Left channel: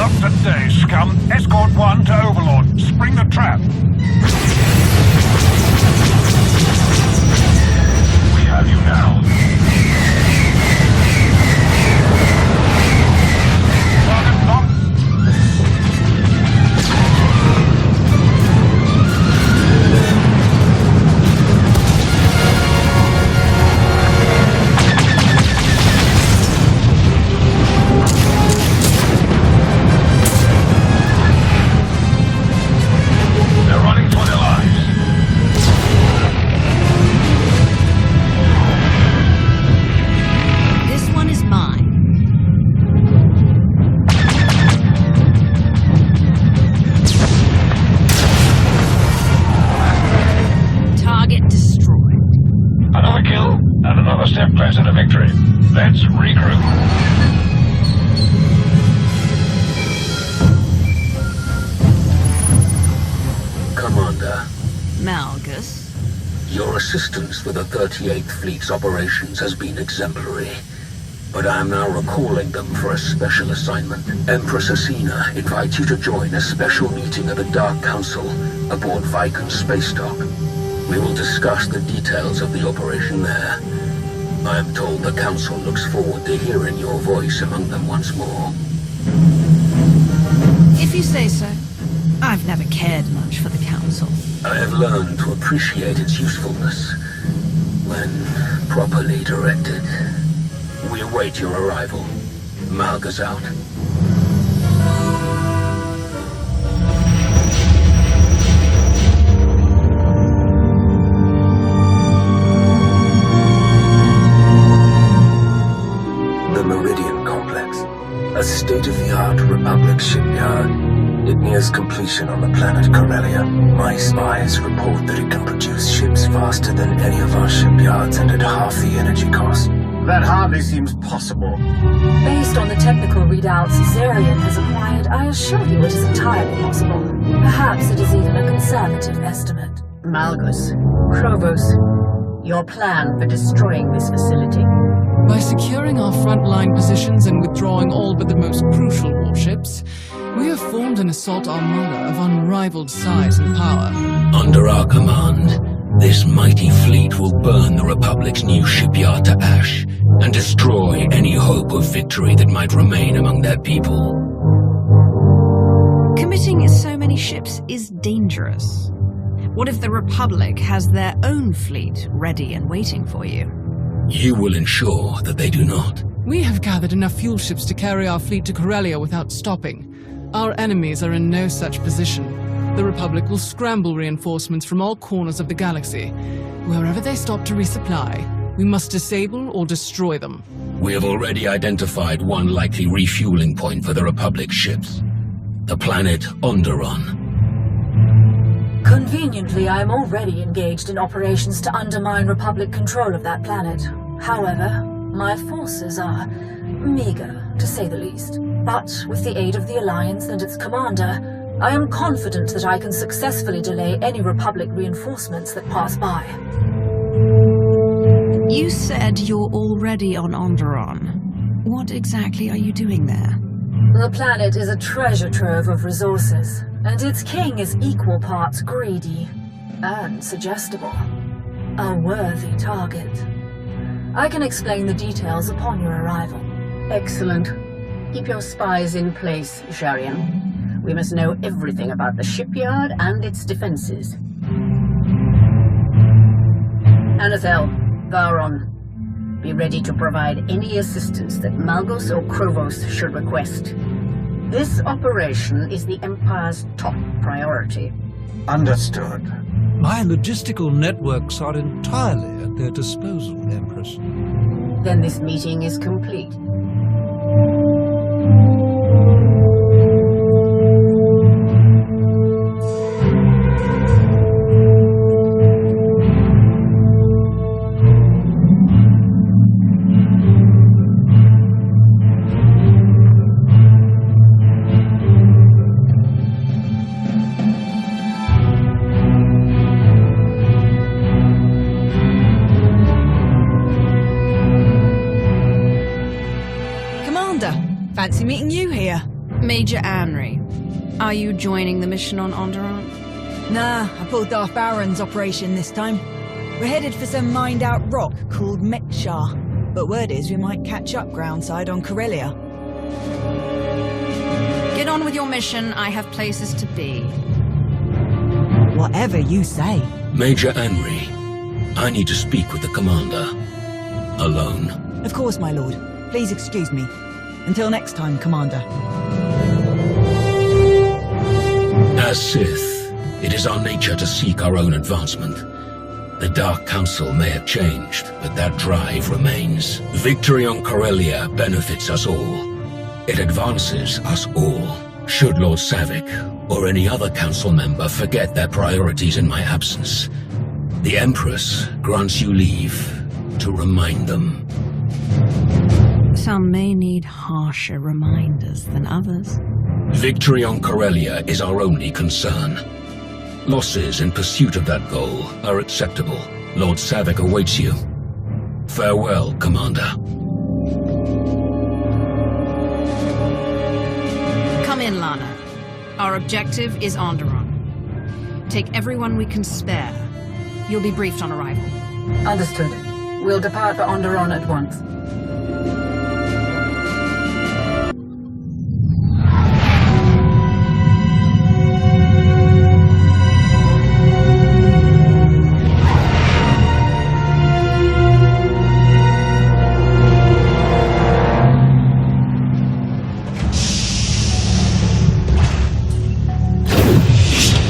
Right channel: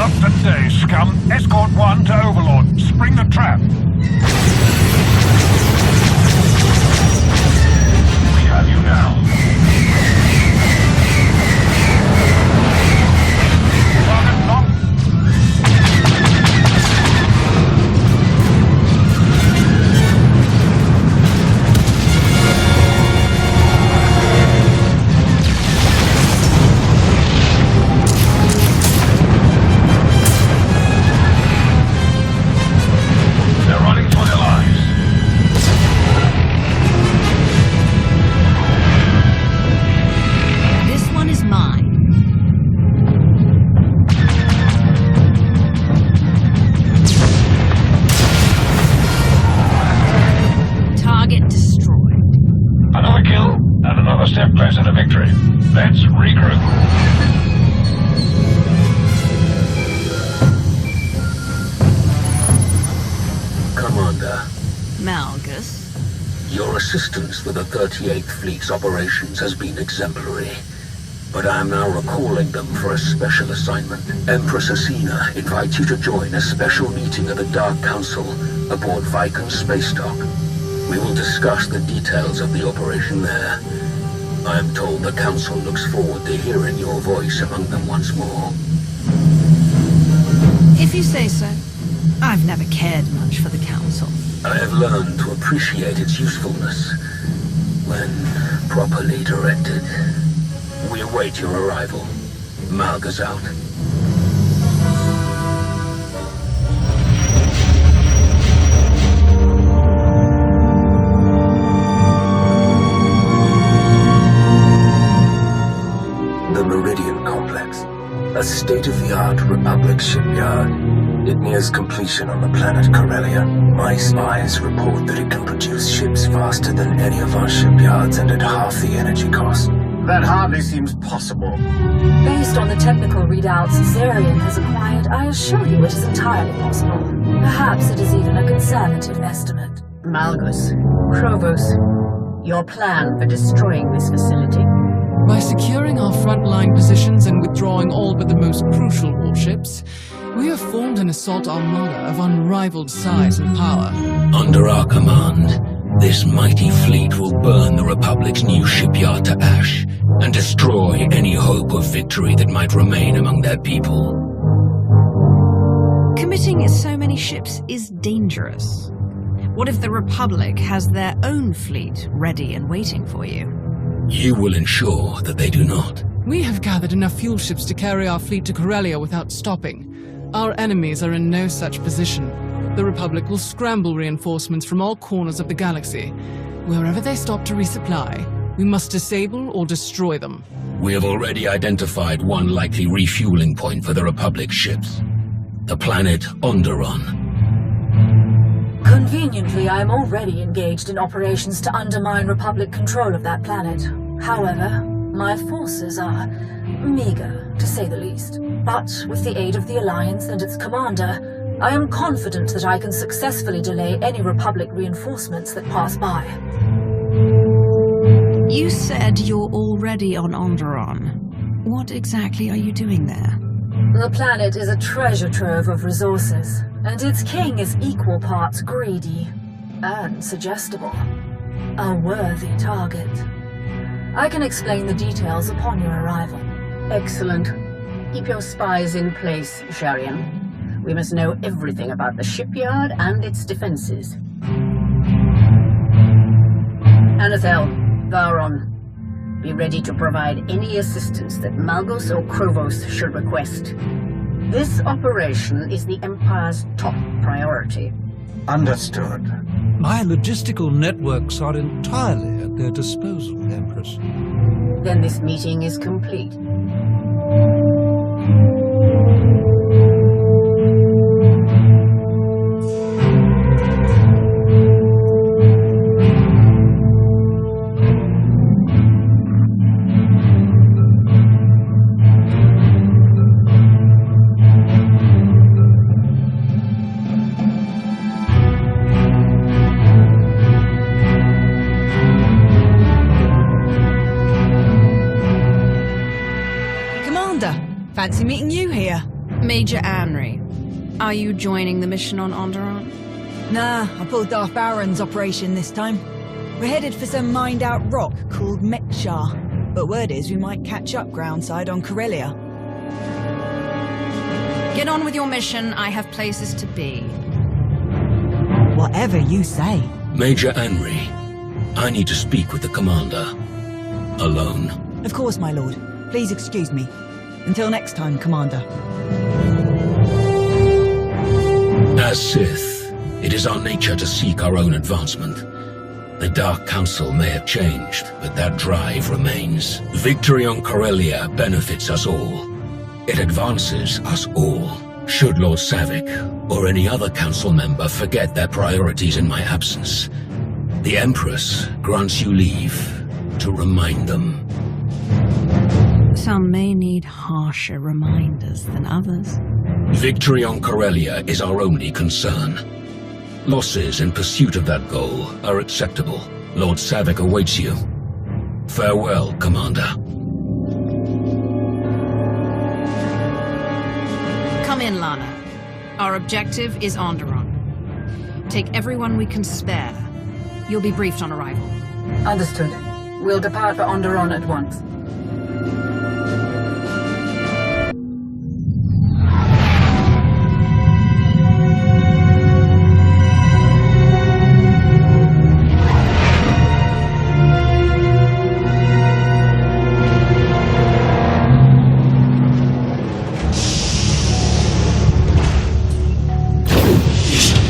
Not today, scum. Escort 1 to Overlord. Spring the trap. We have you now. Target locked. They're running for their lives. This one is mine. Target destroyed. Another kill, and another step closer to victory. Let's regroup. Commander, Malgus. your assistance with the 38th Fleet's operations has been exemplary. But I am now recalling them for a special assignment. Empress Asina invites you to join a special meeting of the Dark Council aboard Vicon's space dock. We will discuss the details of the operation there. I am told the Council looks forward to hearing your voice among them once more. If you say so. I've never cared much for the Council. I have learned to appreciate its usefulness when properly directed. We await your arrival. Malgus out. The Meridian Complex, a state-of-the-art Republic shipyard. It nears completion on the planet Corellia. My spies report that it can produce ships faster than any of our shipyards and at half the energy cost. That hardly seems possible. Based on the technical readouts Zarian has acquired, I assure you it is entirely possible. Perhaps it is even a conservative estimate. Malgus, Krovos, your plan for destroying this facility? By securing our frontline positions and withdrawing all but the most crucial warships, we have formed an assault armada of unrivaled size and power. Under our command, this mighty fleet will burn the Republic's new shipyard to ash and destroy any hope of victory that might remain among their people. Committing so many ships is dangerous. What if the Republic has their own fleet ready and waiting for you? You will ensure that they do not. We have gathered enough fuel ships to carry our fleet to Corellia without stopping. Our enemies are in no such position. The Republic will scramble reinforcements from all corners of the galaxy. Wherever they stop to resupply, we must disable or destroy them. We have already identified one likely refueling point for the Republic ships. The planet Onderon. Conveniently, I am already engaged in operations to undermine Republic control of that planet. However, my forces are meager, to say the least. But with the aid of the Alliance and its commander, I am confident that I can successfully delay any Republic reinforcements that pass by. You said you're already on Onderon. What exactly are you doing there? The planet is a treasure trove of resources, and its king is equal parts greedy and suggestible. A worthy target. I can explain the details upon your arrival. Excellent. Keep your spies in place, Zarian. We must know everything about the shipyard and its defenses. Anathel, Varon, be ready to provide any assistance that Malgus or Krovos should request. This operation is the Empire's top priority. Understood. My logistical networks are entirely at their disposal, Empress. Then this meeting is complete. Commander, fancy meeting you here. Major Anri, are you joining the mission on Onderon? Nah, I pulled Darth Baron's operation this time. We're headed for some mined-out rock called Mekshar, but word is we might catch up groundside on Corellia. Get on with your mission. I have places to be. Whatever you say. Major Anri, I need to speak with the commander. Alone. Of course, my lord. Please excuse me. Until next time, Commander. As Sith, it is our nature to seek our own advancement. The Dark Council may have changed, but that drive remains. Victory on Corellia benefits us all. It advances us all. Should Lord Savick or any other council member forget their priorities in my absence, the Empress grants you leave to remind them. Some may need harsher reminders than others. Victory on Corellia is our only concern. Losses in pursuit of that goal are acceptable. Lord Savick awaits you. Farewell, Commander. Come in, Lana. Our objective is Onderon. Take everyone we can spare. You'll be briefed on arrival. Understood. We'll depart for Onderon at once.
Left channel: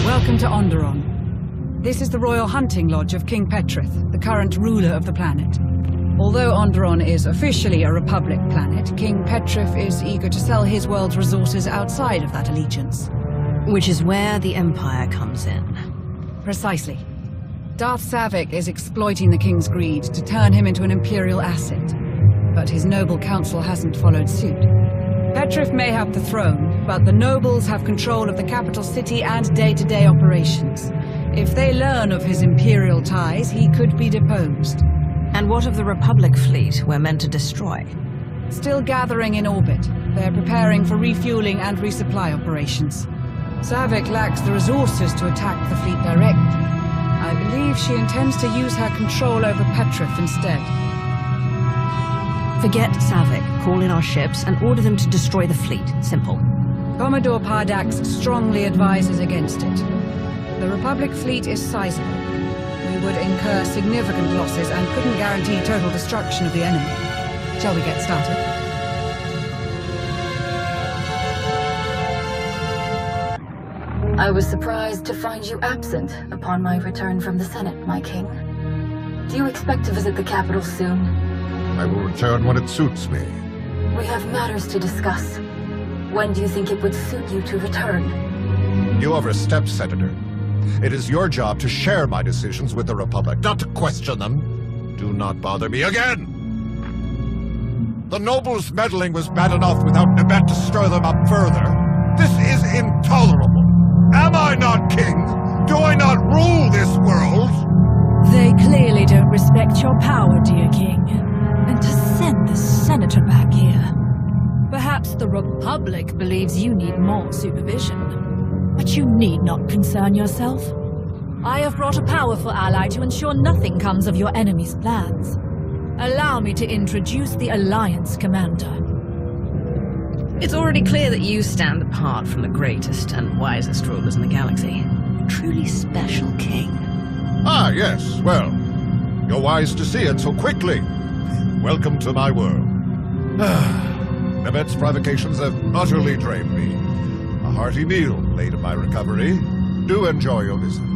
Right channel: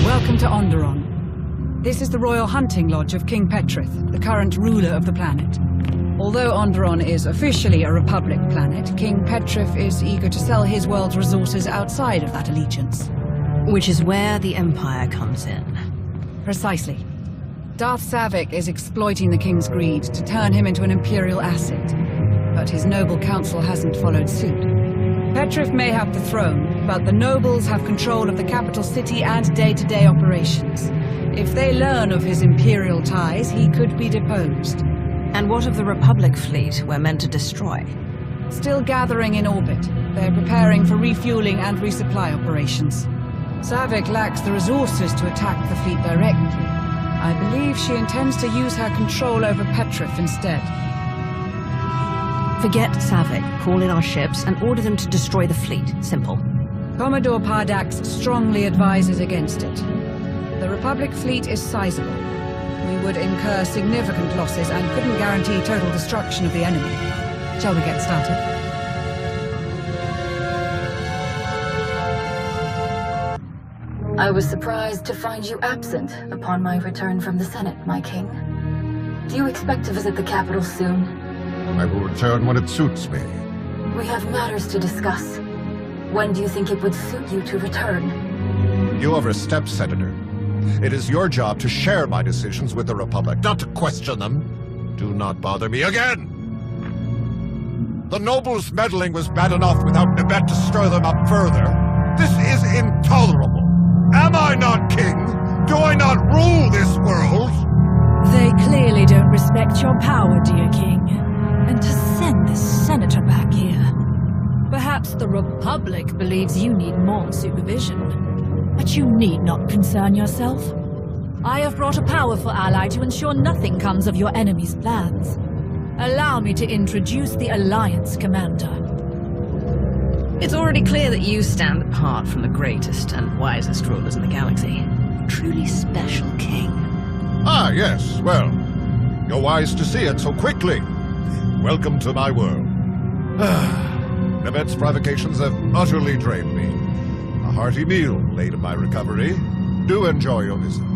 Welcome to Onderon. This is the Royal Hunting Lodge of King Petrith, the current ruler of the planet. Although Onderon is officially a Republic planet, King Petrith is eager to sell his world's resources outside of that allegiance. Which is where the Empire comes in. Precisely. Darth Savick is exploiting the King's greed to turn him into an Imperial asset. But his noble council hasn't followed suit. Petrith may have the throne, but the nobles have control of the capital city and day-to-day operations. If they learn of his Imperial ties, he could be deposed. And what of the Republic fleet we're meant to destroy? Still gathering in orbit. They're preparing for refueling and resupply operations. Savick lacks the resources to attack the fleet directly. I believe she intends to use her control over Petrith instead. Forget Savick. Call in our ships and order them to destroy the fleet. Simple. Commodore Pardax strongly advises against it. The Republic fleet is sizable. We would incur significant losses and couldn't guarantee total destruction of the enemy. Shall we get started? I was surprised to find you absent upon my return from the Senate, my king. Do you expect to visit the capital soon? I will return when it suits me. We have matters to discuss. When do you think it would suit you to return? You overstep, Senator. It is your job to share my decisions with the Republic, not to question them. Do not bother me again! The nobles' meddling was bad enough without Nebet to stir them up further. This is intolerable. Am I not king? Do I not rule this world? They clearly don't respect your power, dear king. And to send this senator back here. Perhaps the Republic believes you need more supervision. But you need not concern yourself. I have brought a powerful ally to ensure nothing comes of your enemy's plans. Allow me to introduce the Alliance Commander. It's already clear that you stand apart from the greatest and wisest rulers in the galaxy. A truly special king. Ah, yes, well, you're wise to see it so quickly. Welcome to my world. Nebet's provocations have utterly drained me. A hearty meal late in my recovery. Do enjoy your visit.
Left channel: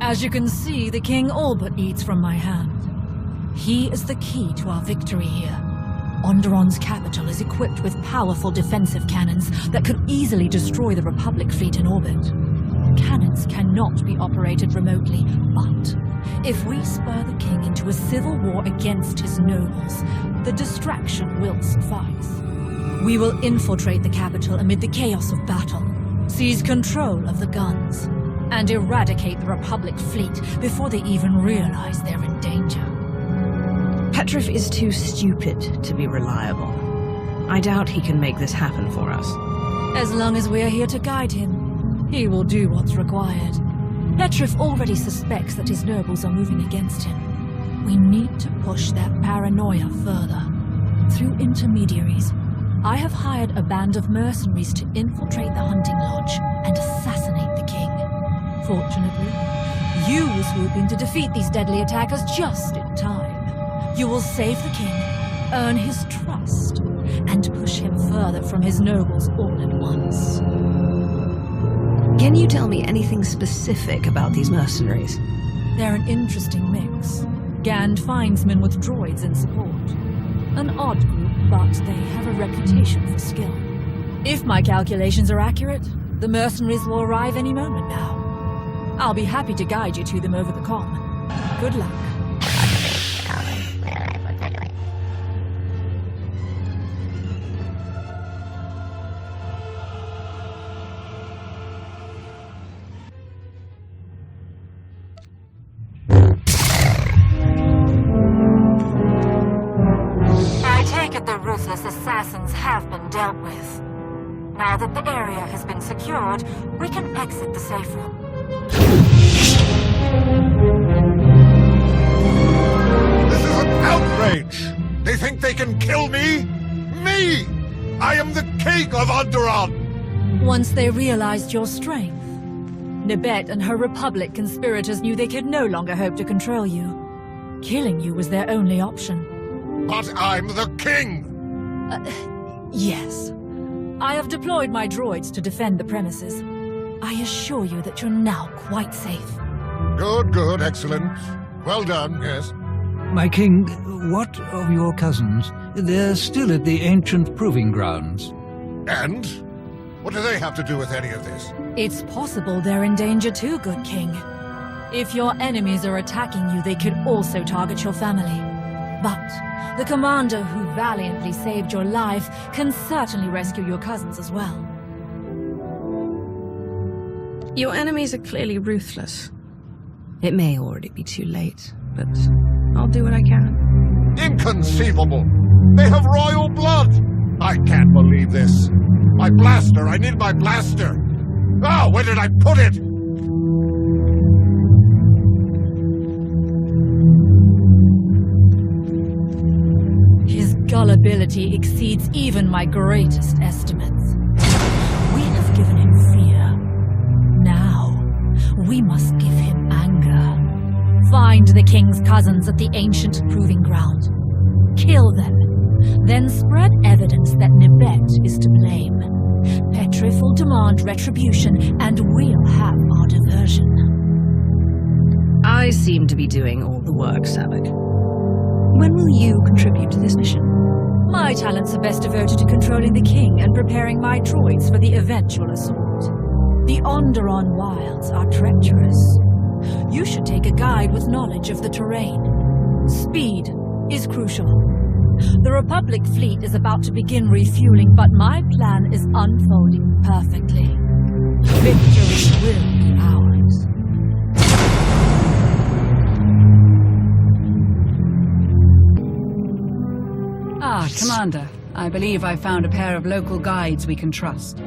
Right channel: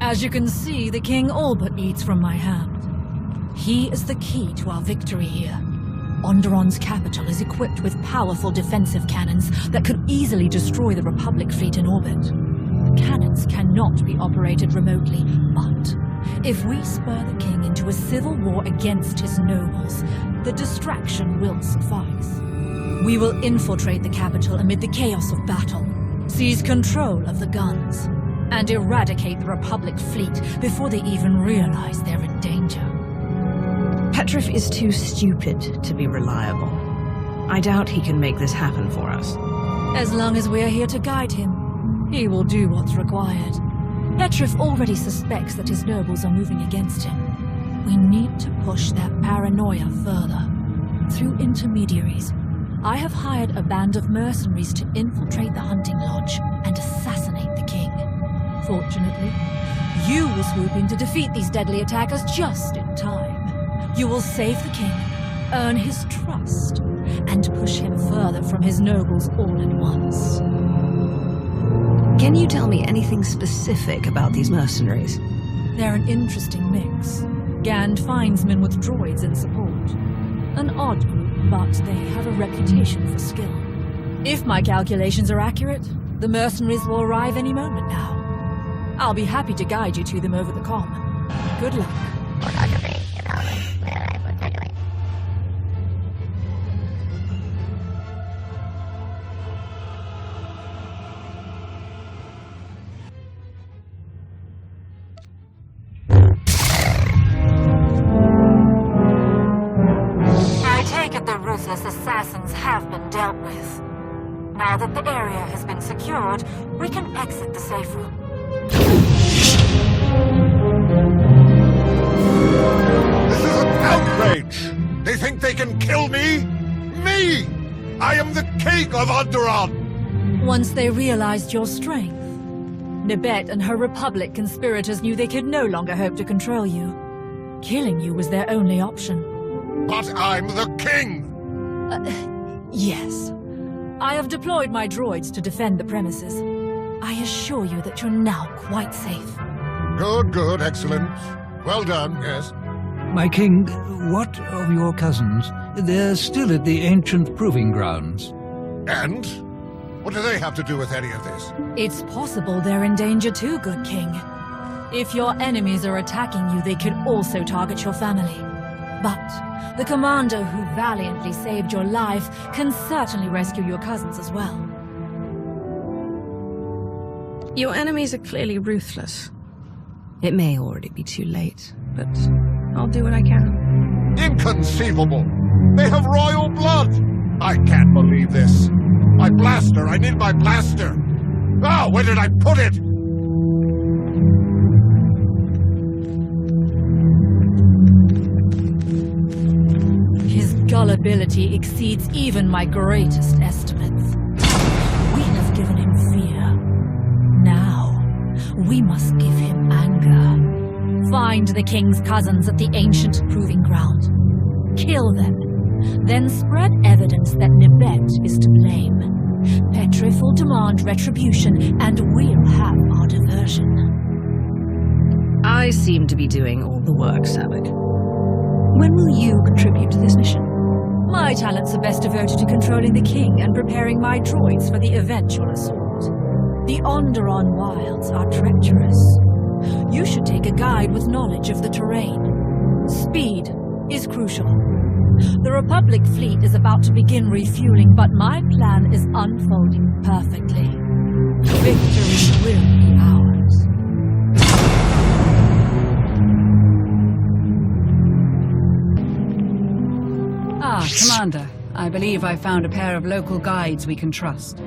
As you can see, the king all but eats from my hand. He is the key to our victory here. Onderon's capital is equipped with powerful defensive cannons that could easily destroy the Republic fleet in orbit. The cannons cannot be operated remotely, but if we spur the king into a civil war against his nobles, the distraction will suffice. We will infiltrate the capital amid the chaos of battle, seize control of the guns, and eradicate the Republic fleet before they even realize they're in danger. Petrif is too stupid to be reliable. I doubt he can make this happen for us. As long as we're here to guide him, he will do what's required. Petrif already suspects that his nobles are moving against him. We need to push that paranoia further. Through intermediaries, I have hired a band of mercenaries to infiltrate the hunting lodge and assassinate the king. Fortunately, you will swoop in to defeat these deadly attackers just in time. You will save the king, earn his trust, and push him further from his nobles all at once. Can you tell me anything specific about these mercenaries? They're an interesting mix. Gand finds men with droids in support. An odd group, but they have a reputation for skill. If my calculations are accurate, the mercenaries will arrive any moment now. I'll be happy to guide you to them over the comm. Good luck. I take it the ruthless assassins have been dealt with. Now that the area has been secured, we can exit the safe room. This is an outrage! They think they can kill me? Me! I am the king of Onderon! Once they realized your strength, Nibet and her Republic conspirators knew they could no longer hope to control you. Killing you was their only option. But I'm the king! Yes. I have deployed my droids to defend the premises. I assure you that you're now quite safe. Good, good, excellent. Well done, yes. My king, what of your cousins? They're still at the ancient proving grounds. And? What do they have to do with any of this? It's possible they're in danger too, good king. If your enemies are attacking you, they could also target your family. But the commander who valiantly saved your life can certainly rescue your cousins as well. Your enemies are clearly ruthless. It may already be too late, but I'll do what I can. Inconceivable! They have royal blood! I can't believe this. My blaster! I need my blaster! Oh, where did I put it? His gullibility exceeds even my greatest estimates. We have given him fear. Now, we must give him anger. Find the king's cousins at the ancient proving ground. Kill them. Then spread evidence that Nibet is to blame. Petrif will demand retribution, and we'll have our diversion. I seem to be doing all the work, Savik. When will you contribute to this mission? My talents are best devoted to controlling the king and preparing my droids for the eventual assault. The Onderon wilds are treacherous. You should take a guide with knowledge of the terrain. Speed is crucial. The Republic fleet is about to begin refueling, but my plan is unfolding perfectly. Victory will be ours. Ah, Commander. I believe I found a pair of local guides we can trust.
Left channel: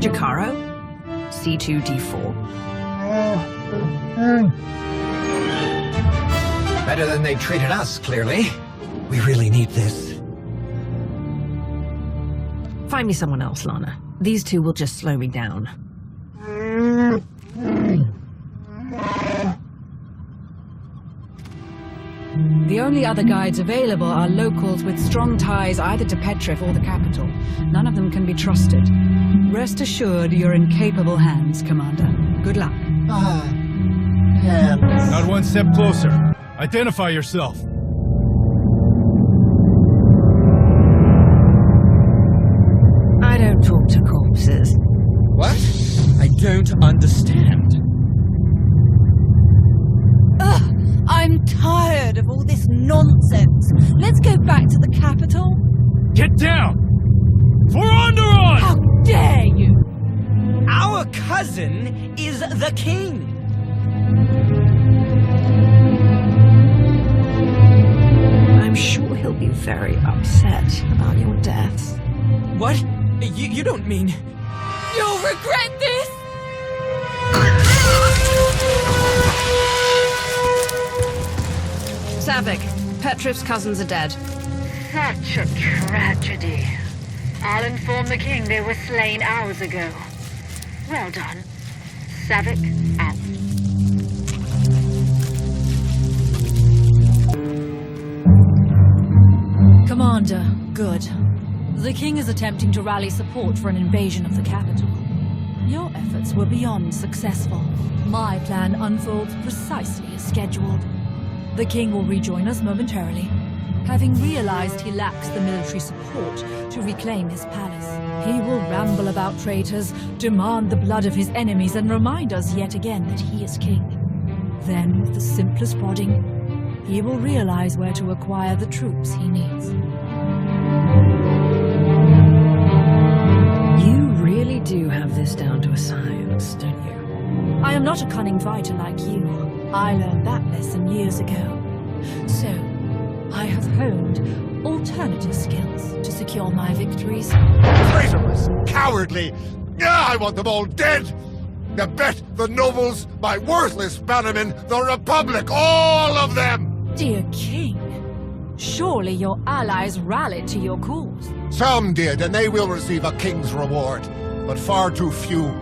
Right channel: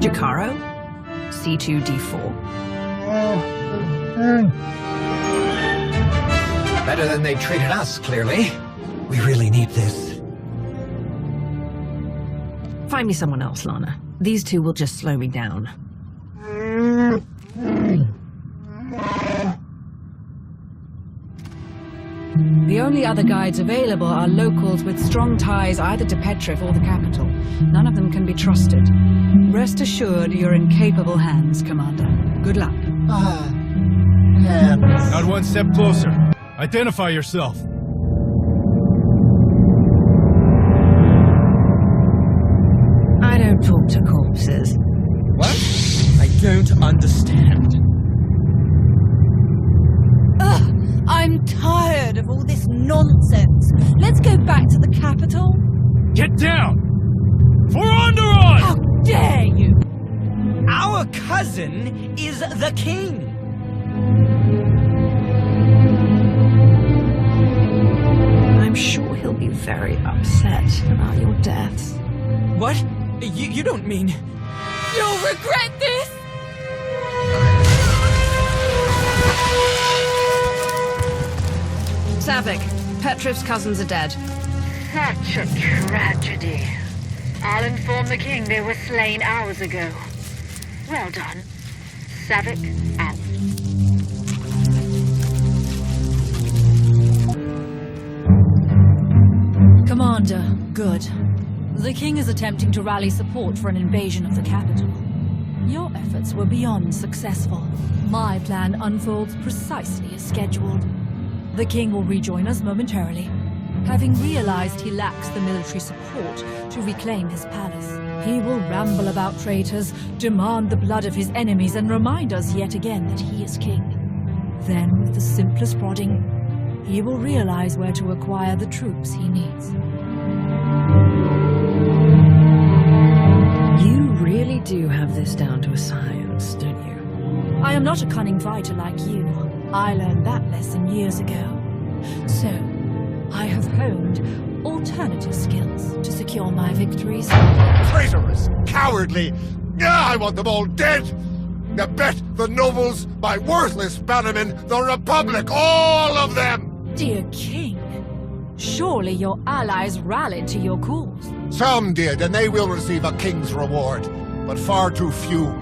Jakaro? C2D4? Better than they treated us, clearly. We really need this. Find me someone else, Lana. These two will just slow me down. The only other guides available are locals with strong ties either to Petrif or the capital. None of them can be trusted. Rest assured you're in capable hands, Commander. Good luck. Hands. Not one step closer. Identify yourself. I don't talk to corpses. What? I don't understand. Ugh! I'm tired of all this nonsense. Let's go back to the capital. Get down! For Onderon! How dare you! Our cousin is the king! I'm sure he'll be very upset about your death. What? You don't mean... You'll regret this! Savik, Petrif's cousins are dead. Such a tragedy. I'll inform the king they were slain hours ago. Well done. Savik, out. Commander, good. The king is attempting to rally support for an invasion of the capital. Your efforts were beyond successful. My plan unfolds precisely as scheduled. The king will rejoin us momentarily. Having realized he lacks the military support to reclaim his palace, he will ramble about traitors, demand the blood of his enemies, and remind us yet again that he is king. Then, with the simplest prodding, he will realize where to acquire the troops he needs. You really do have this down to a science, don't you? I am not a cunning fighter like you. I learned that lesson years ago. So, I have honed alternative skills to secure my victories. Traitorous! Cowardly! I want them all dead! I bet the nobles, my worthless bannermen, the Republic, all of them! Dear King, surely your allies rallied to your cause. Some did, and they will receive a king's reward, but far too few.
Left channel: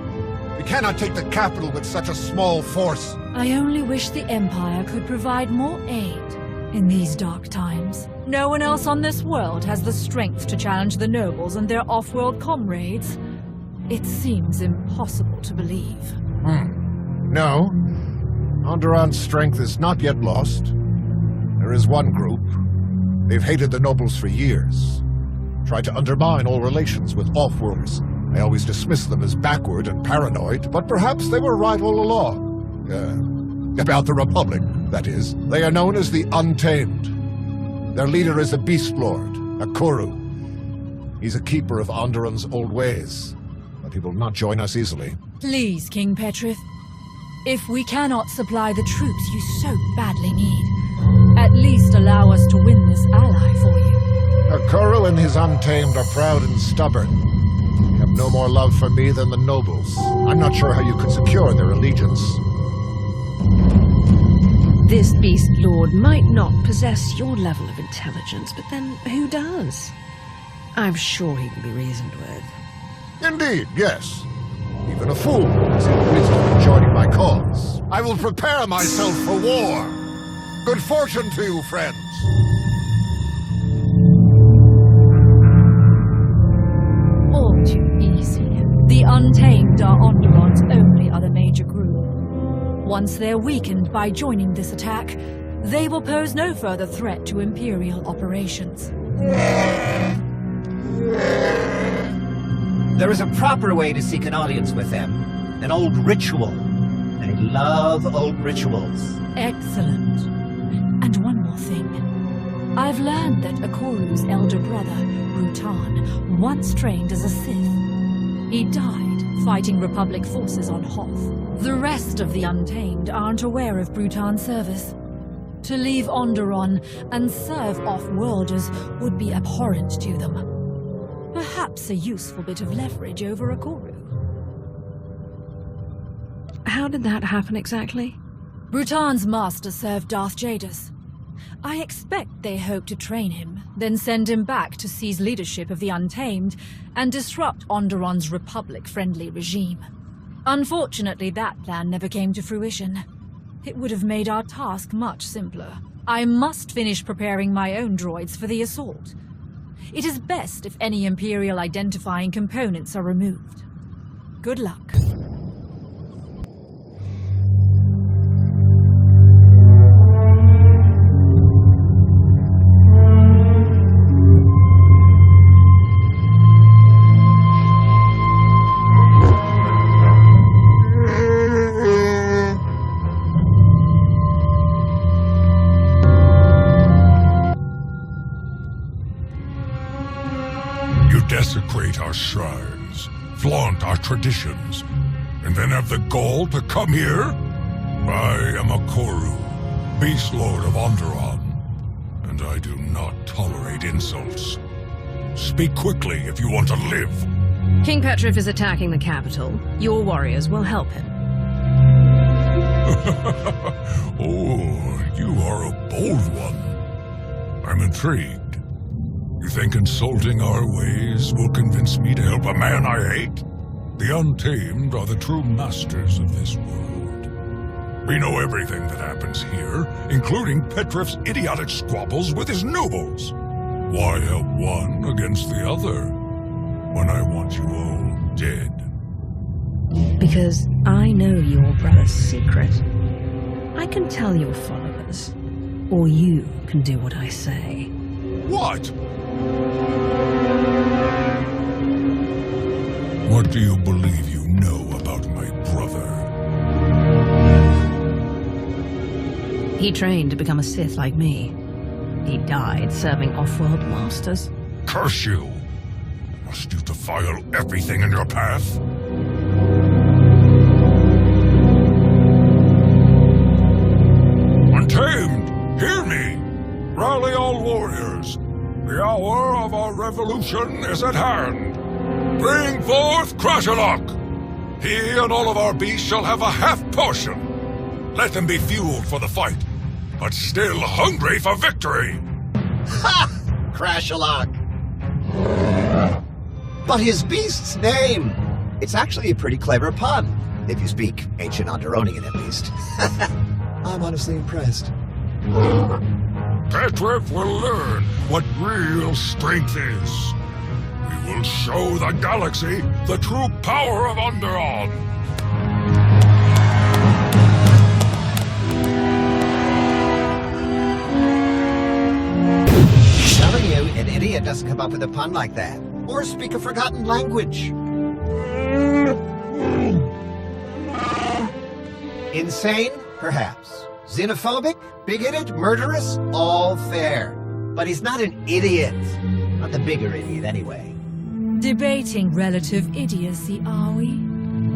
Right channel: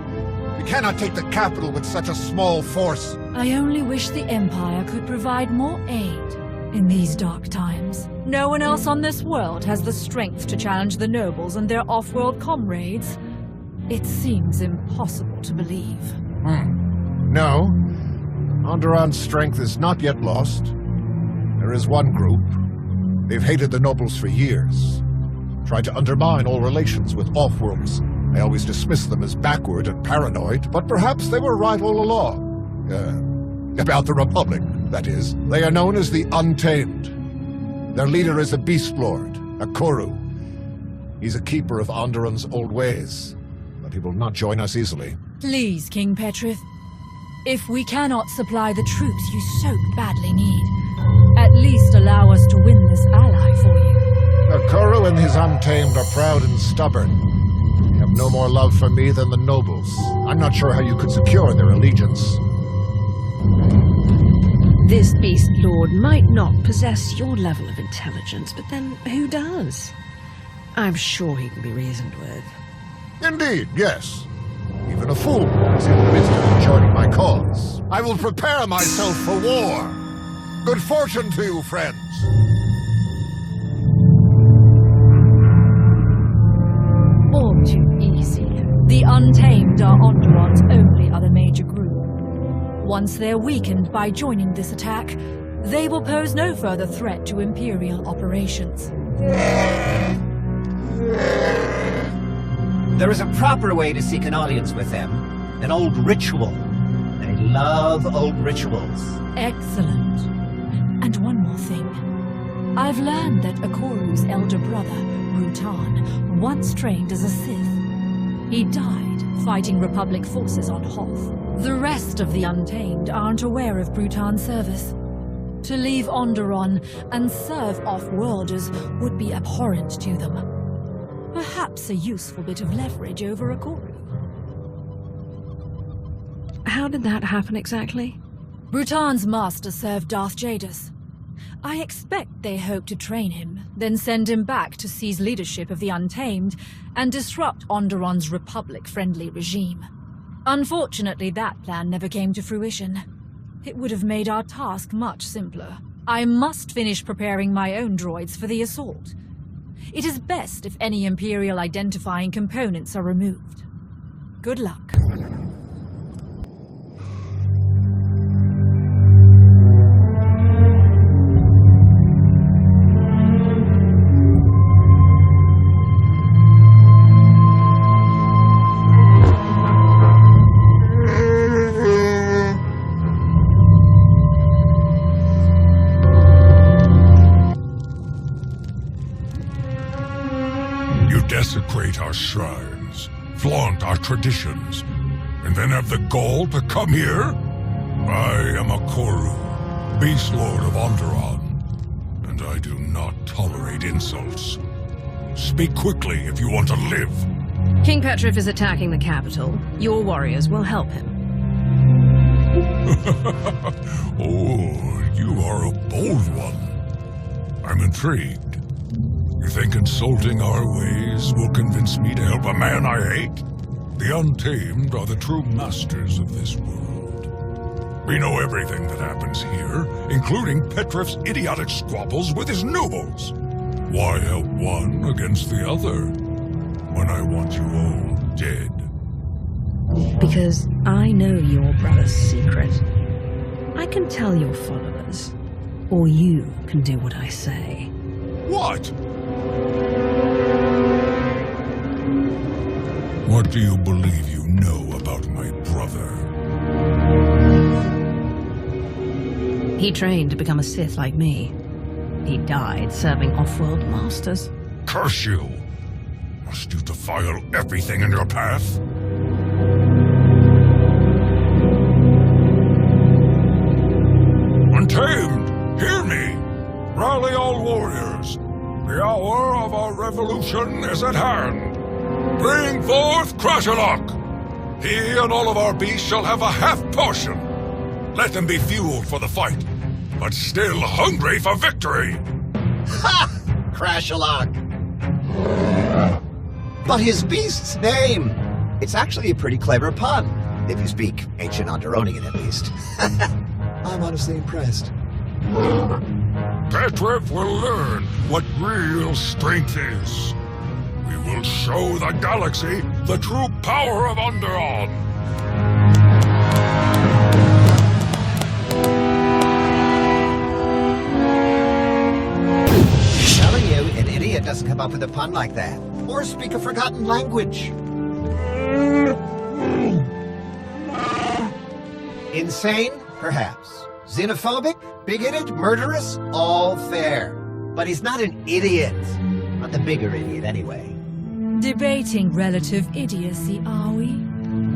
We cannot take the capital with such a small force. I only wish the Empire could provide more aid in these dark times. No one else on this world has the strength to challenge the nobles and their off-world comrades. It seems impossible to believe. No. Onderon's strength is not yet lost. There is one group. They've hated the nobles for years. Tried to undermine all relations with off-worlds. I always dismissed them as backward and paranoid, but perhaps they were right all along. About the Republic, that is. They are known as the Untamed. Their leader is a Beast Lord, a Kuru. He's a keeper of Onderon's old ways, but he will not join us easily. Please, King Petrif. If we cannot supply the troops you so badly need, at least allow us to win this ally for you. The Kuru and his Untamed are proud and stubborn. They have no more love for me than the nobles. I'm not sure how you could secure their allegiance. This Beast Lord might not possess your level of intelligence, but then who does? I'm sure he can be reasoned with. Indeed, yes. Even a fool could see the wisdom in joining my cause. I will prepare myself for war. Good fortune to you, friends. All too easy. The Untamed are Onderon's only other major group. Once they're weakened by joining this attack, they will pose no further threat to Imperial operations. There is a proper way to seek an audience with them. An old ritual. They love old rituals. Excellent. And one more thing. I've learned that Ikoru's elder brother, Rutan, once trained as a Sith. He died fighting Republic forces on Hoth. The rest of the Untamed aren't aware of Rutan's service. To leave Onderon and serve off-worlders would be abhorrent to them. Perhaps a useful bit of leverage over Ikoru. How did that happen exactly? Rutan's master served Darth Jadus. I expect they hope to train him, then send him back to seize leadership of the Untamed and disrupt Onderon's Republic-friendly regime. Unfortunately, that plan never came to fruition. It would have made our task much simpler. I must finish preparing my own droids for the assault. It is best if any Imperial identifying components are removed. Good luck. You desecrate our shrines, flaunt our traditions, and then have the gall to come here? I am a Koru, Beast Lord of Onderon, and I do not tolerate insults. Speak quickly if you want to live. King Petrif is attacking the capital. Your warriors will help him. Oh, you are a bold one. I'm intrigued. You think insulting our ways will convince me to help a man I hate? The Untamed are the true masters of this world. We know everything that happens here, including Petrif's idiotic squabbles with his nobles. Why help one against the other, when I want you all dead? Because I know your brother's secret. I can tell your followers, or you can do what I say. What? What do you believe you know about my brother? He trained to become a Sith like me. He died serving off-world masters. Curse you! Must you defile everything in your path? Untamed! Hear me! Rally all warriors! The hour of our revolution is at hand! Bring forth Crashalok! He and all of our beasts shall have a half portion! Let them be fueled for the fight, but still hungry for victory! Ha! Crashalok! But his beast's name! It's actually a pretty clever pun, if you speak ancient Onderonian at least. I'm honestly impressed. Petrif will learn what real strength is. We will show the galaxy the true power of Onderon. I'm telling you, an idiot doesn't come up with a pun like that, or speak a forgotten language. Insane? Perhaps. Xenophobic? Bigoted? Murderous? All fair. But he's not an idiot. Not the bigger idiot, anyway. Debating relative idiocy, are we?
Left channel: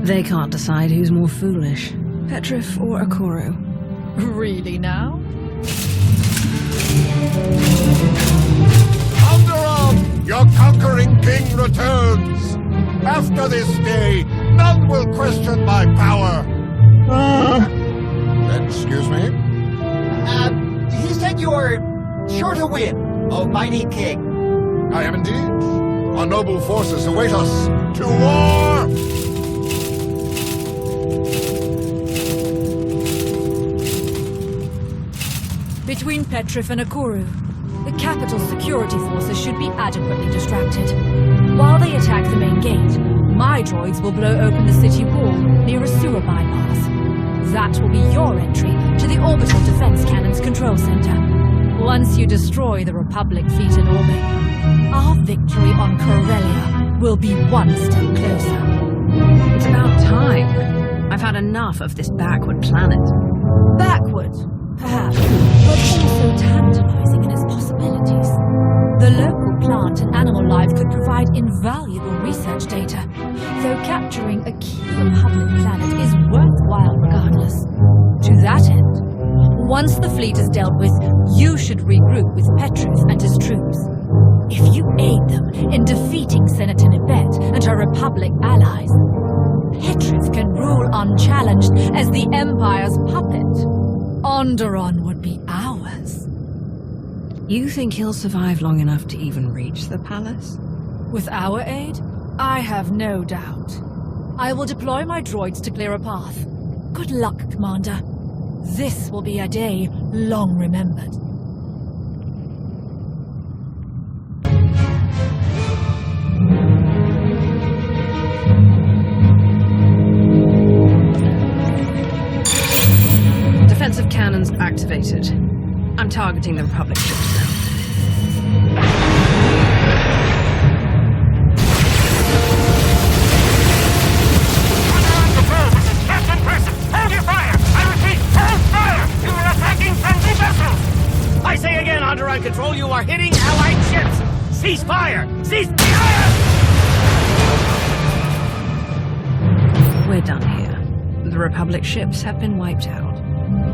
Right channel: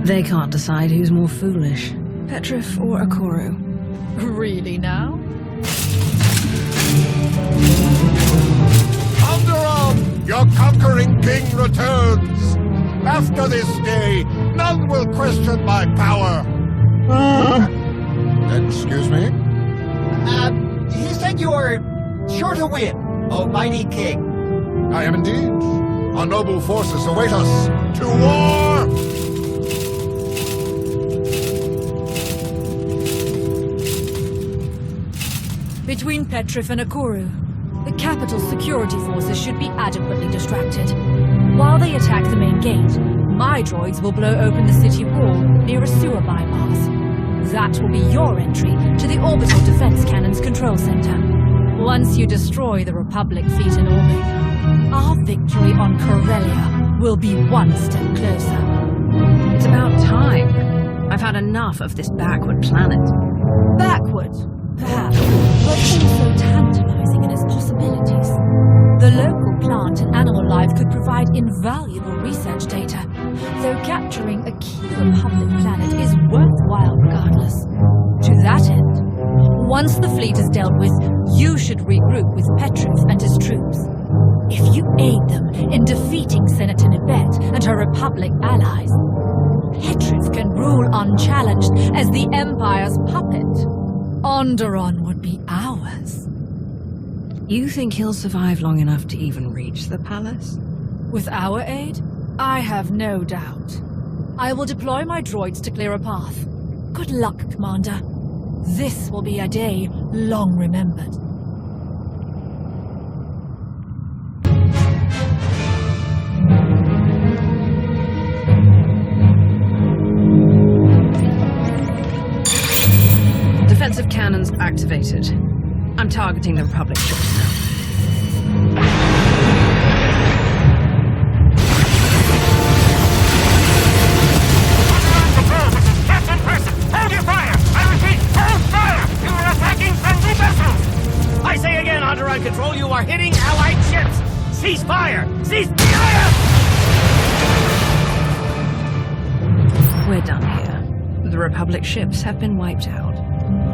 They can't decide who's more foolish, Petrif or Akoru. Really now? Onderon, your conquering king returns. After this day, none will question my power. Excuse me? He said you're sure to win, oh mighty king. I am indeed. Our noble forces await us. To war! Between Petrif and Akoru, the capital's security forces should be adequately distracted. While they attack the main gate, my droids will blow open the city wall near a sewer bypass. That will be your entry to the Orbital Defense Cannon's control center. Once you destroy the Republic fleet in orbit, our victory on Corellia will be one step closer. It's about time. I've had enough of this backward planet. Backward, perhaps, but also tantalizing in its possibilities. The local plant and animal life could provide invaluable research data, though capturing a key Republic planet is worthwhile regardless. To that end, once the fleet is dealt with, you should regroup with Petrif and his troops. If you aid them in defeating Senator Nibet and her Republic allies, Petrif can rule unchallenged as the Empire's puppet. Onderon would be ours. You think he'll survive long enough to even reach the palace? With our aid, I have no doubt. I will deploy my droids to clear a path. Good luck, Commander. This will be a day long remembered. Defensive cannons activated. I'm targeting the Republic ships now. Underon Patrol, this is Captain Person. Hold your fire! I repeat, hold fire! You are attacking friendly vessels! I say again, Onderon Control, you are hitting Allied ships! Cease fire! Cease fire! We're done here. The Republic ships have been wiped out.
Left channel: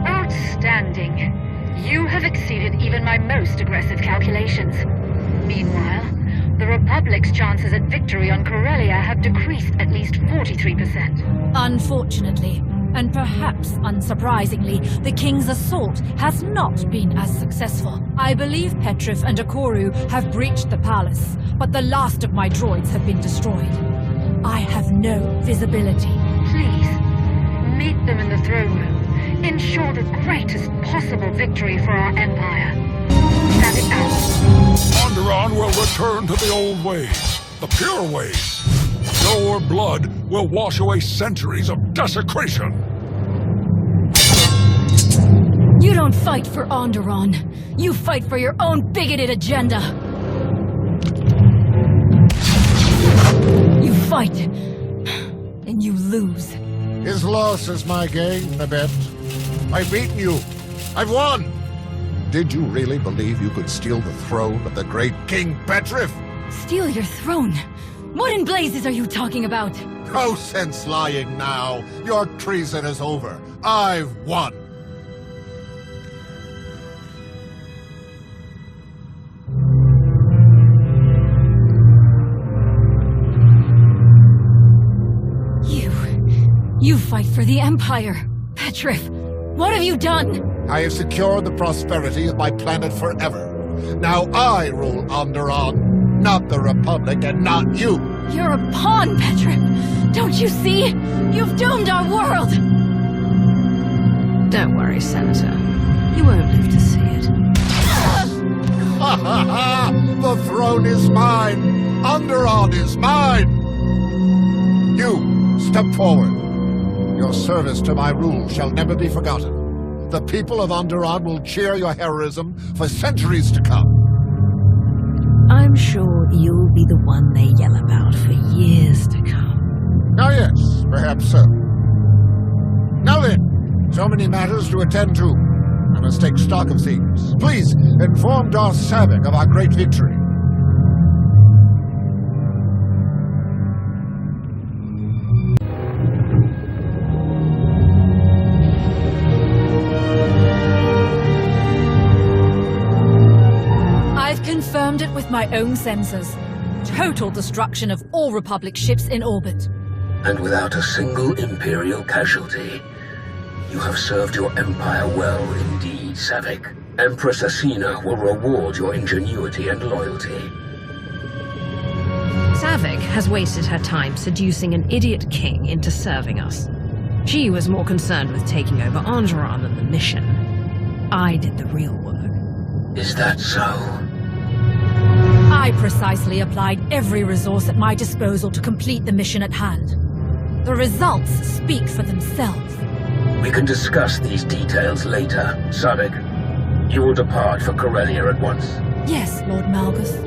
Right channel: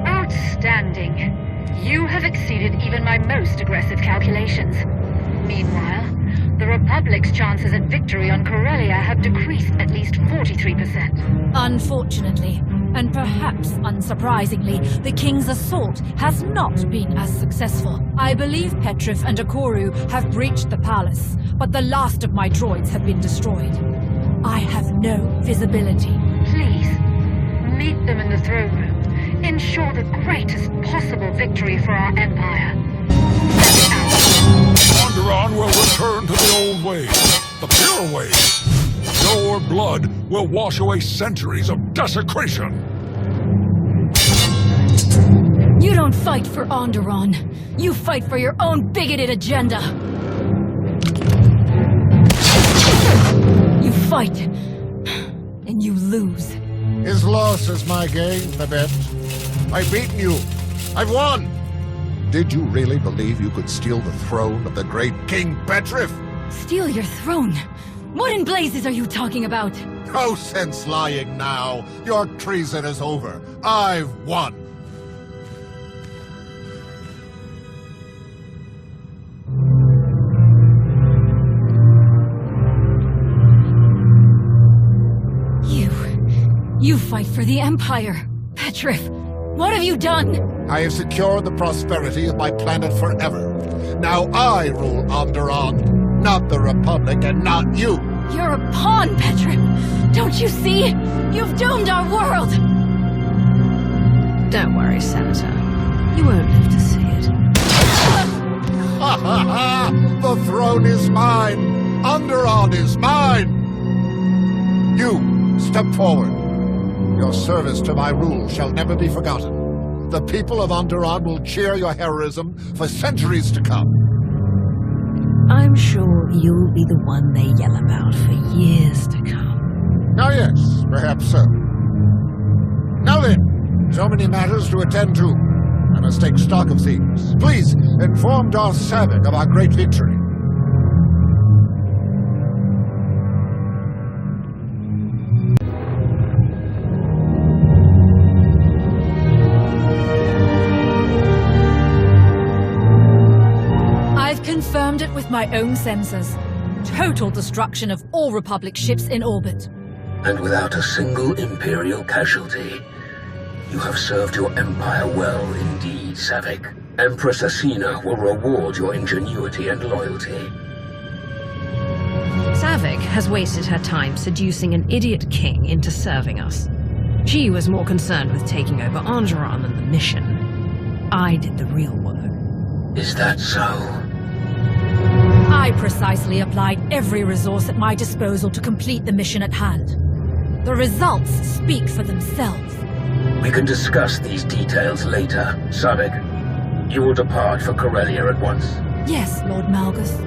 Outstanding. You have exceeded even my most aggressive calculations. Meanwhile, the Republic's chances at victory on Corellia have decreased at least 43%. Unfortunately, and perhaps unsurprisingly, the King's assault has not been as successful. I believe Petrif and Akoru have breached the palace, but the last of my droids have been destroyed. I have no visibility. Please, meet them in the throne room. Ensure the greatest possible victory for our Empire. Stand it out. Onderon will return to the old ways, the pure ways. Your blood will wash away centuries of desecration. You don't fight for Onderon. You fight for your own bigoted agenda. You fight, and you lose. His loss is my gain, I bet. I've beaten you. I've won. Did you really believe you could steal the throne of the great King Petrif? Steal your throne? What in blazes are you talking about? No sense lying now. Your treason is over. I've won. You fight for the Empire. Petrif, what have you done? I have secured the prosperity of my planet forever. Now I rule Onderon, not the Republic and not you. You're a pawn, Petrif. Don't you see? You've doomed our world. Don't worry, Senator. You won't live to see it. Ha ha ha! The throne is mine! Onderon is mine! You, step forward. Your service to my rule shall never be forgotten. The people of Onderon will cheer your heroism for centuries to come. I'm sure you'll be the one they yell about for years to come. Ah, yes, perhaps so. Now then, so many matters to attend to. I must take stock of things. Please, inform Darth Savik of our great victory. I've confirmed it with my own sensors. Total destruction of all Republic ships in orbit. And without a single Imperial casualty. You have served your Empire well indeed, Savik. Empress Asina will reward your ingenuity and loyalty. Savik has wasted her time seducing an idiot king into serving us. She was more concerned with taking over Onderon than the mission. I did the real work. Is that so? I precisely applied every resource at my disposal to complete the mission at hand. The results speak for themselves. We can discuss these details later, Savik. You will depart for Corellia at once. Yes, Lord Malgus.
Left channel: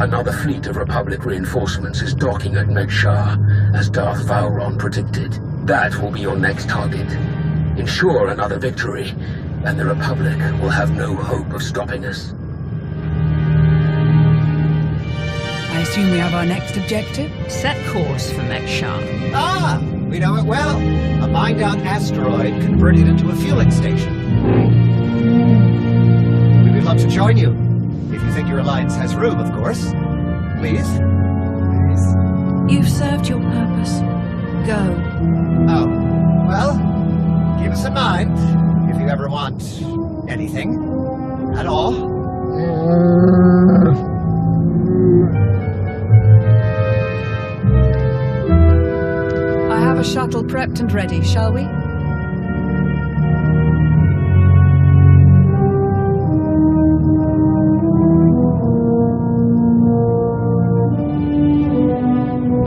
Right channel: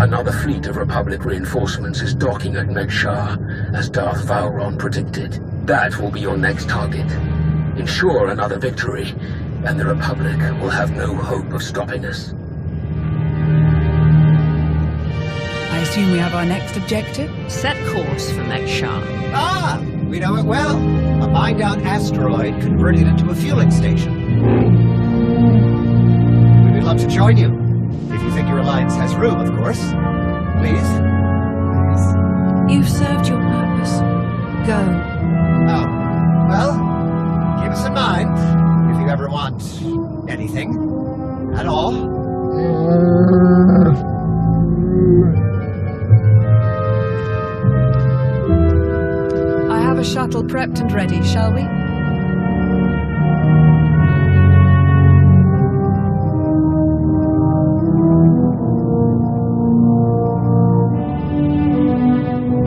Another fleet of Republic reinforcements is docking at Megshar, as Darth Vowron predicted. That will be your next target. Ensure another victory, and the Republic will have no hope of stopping us. I assume we have our next objective? Set course for Megshar. Ah! We know it well. A mined-out asteroid converted into a fueling station. We would love to join you. If you think your alliance has room, of course. Please? Please? You've served your purpose. Go. Oh. Well, keep us in mind if you ever want anything at all. I have a shuttle prepped and ready, shall we?